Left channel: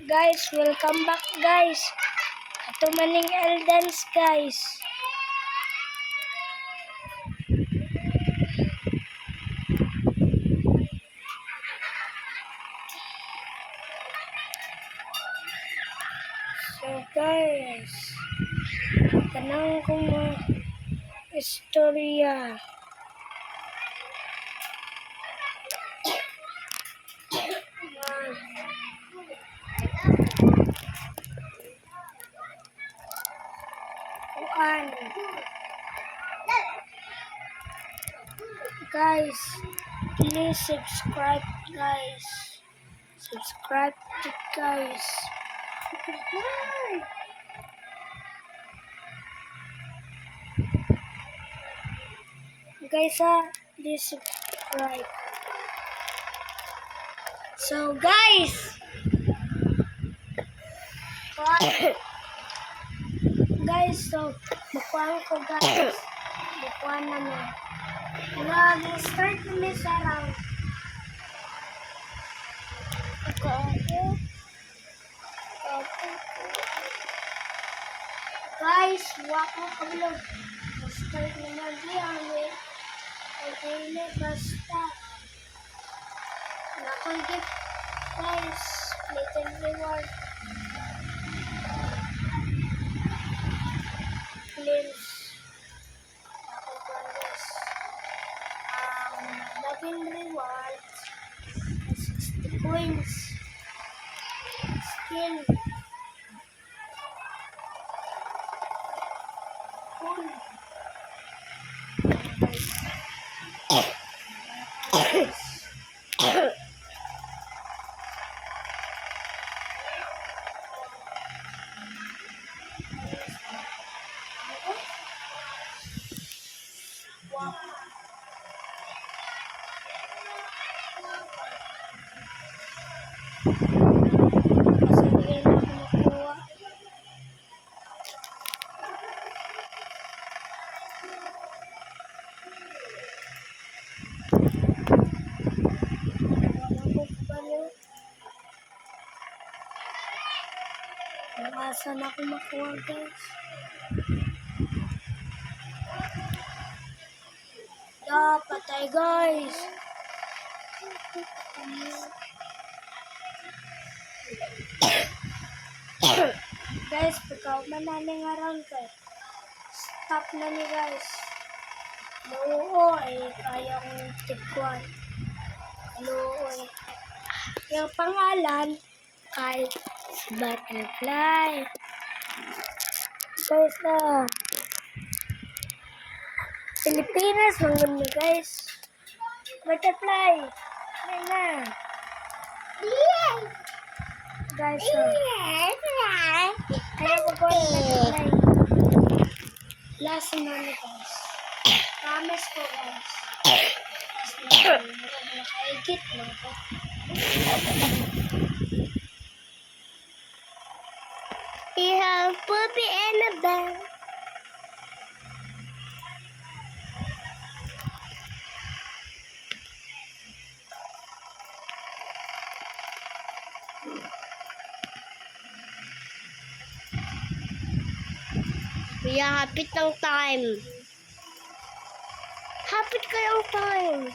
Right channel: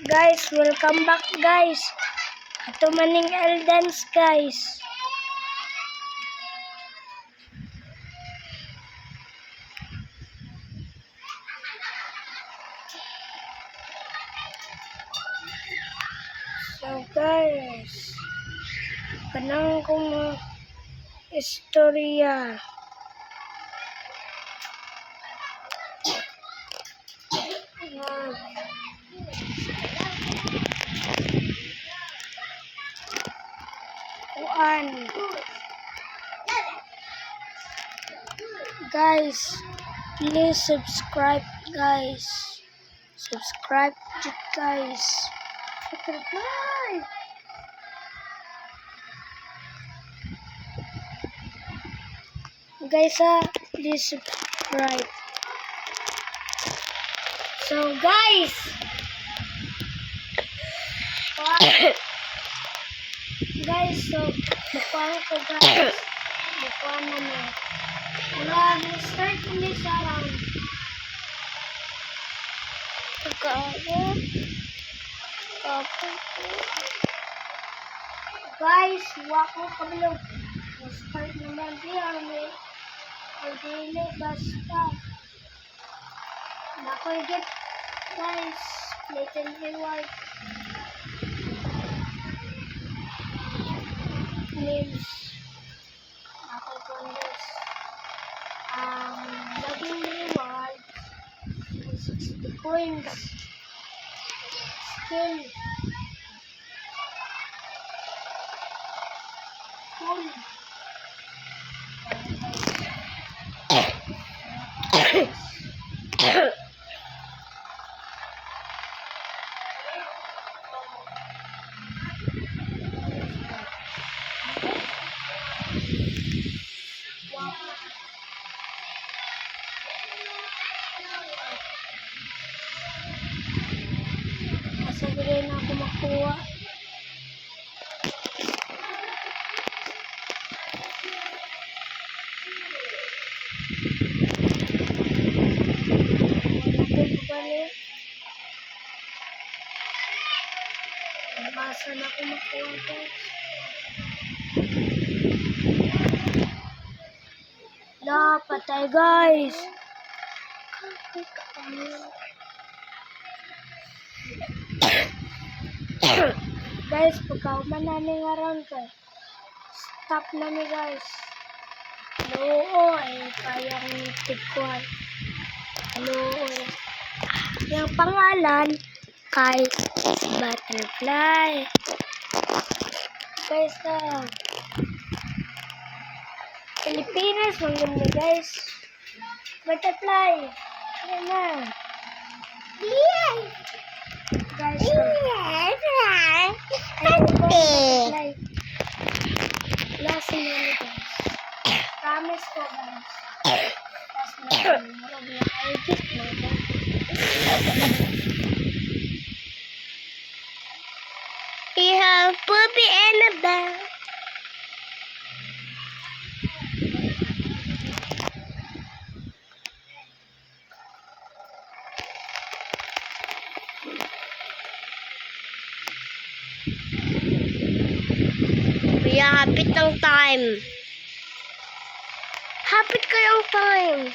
Guys, welcome back guys. Ato maning Eldance guys. So guys, kanang kong istorya. Guys, please subscribe guys. Subscribe to guys. Guys, please subscribe. So guys, so bukuan ko guys. Bukuan namin. Mula start namin sa round. Guys, wako kabalo. Start naman diyan eh. Ay dili basta. Nakagit guys. Little reward. Names. Nakagit laging rewards. 60 coins. Skill. Cool. Kasi hindi na ako makuha. Masa na ako makuha guys. Patay guys. Guys, pagkauman namin around guys. Stop na ni guys. Oo, kaya kong tigkuhan. Oo. Yung pangalan kay Butterfly. Guys, Pilipinas, mangganda guys. Butterfly. Ayan na. Guys, ayan po butterfly. Last na guys. Promise ko guys. Last na I get mo ba? We have Puppy Annabelle. Kuya, hapit ng time. Hapit ka ng time.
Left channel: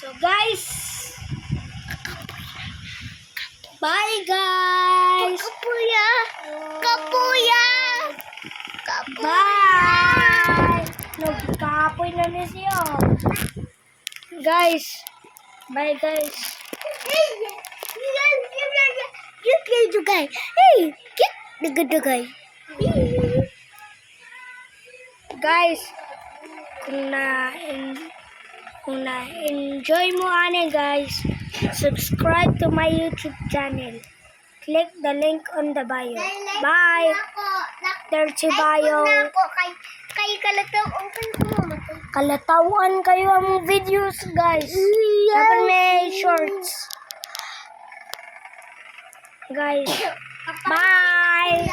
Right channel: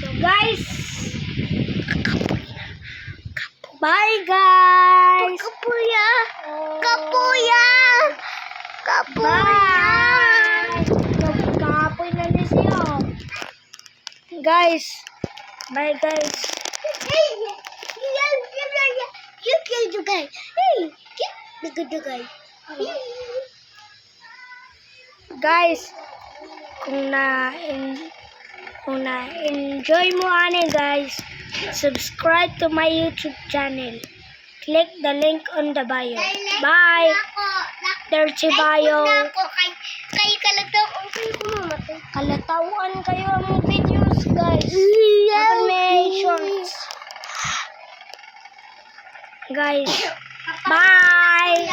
So guys, bye guys. Kapuya. Kapuya. Bye. Nagkapoy na rin siya. Guys, bye guys. Guys, kung na-enjoy mo guys, subscribe to my YouTube channel. Click the link on the bio. Bye. Dirty bio. Kay kalatawan kayo ang videos guys. Dapat may shorts. Guys, bye.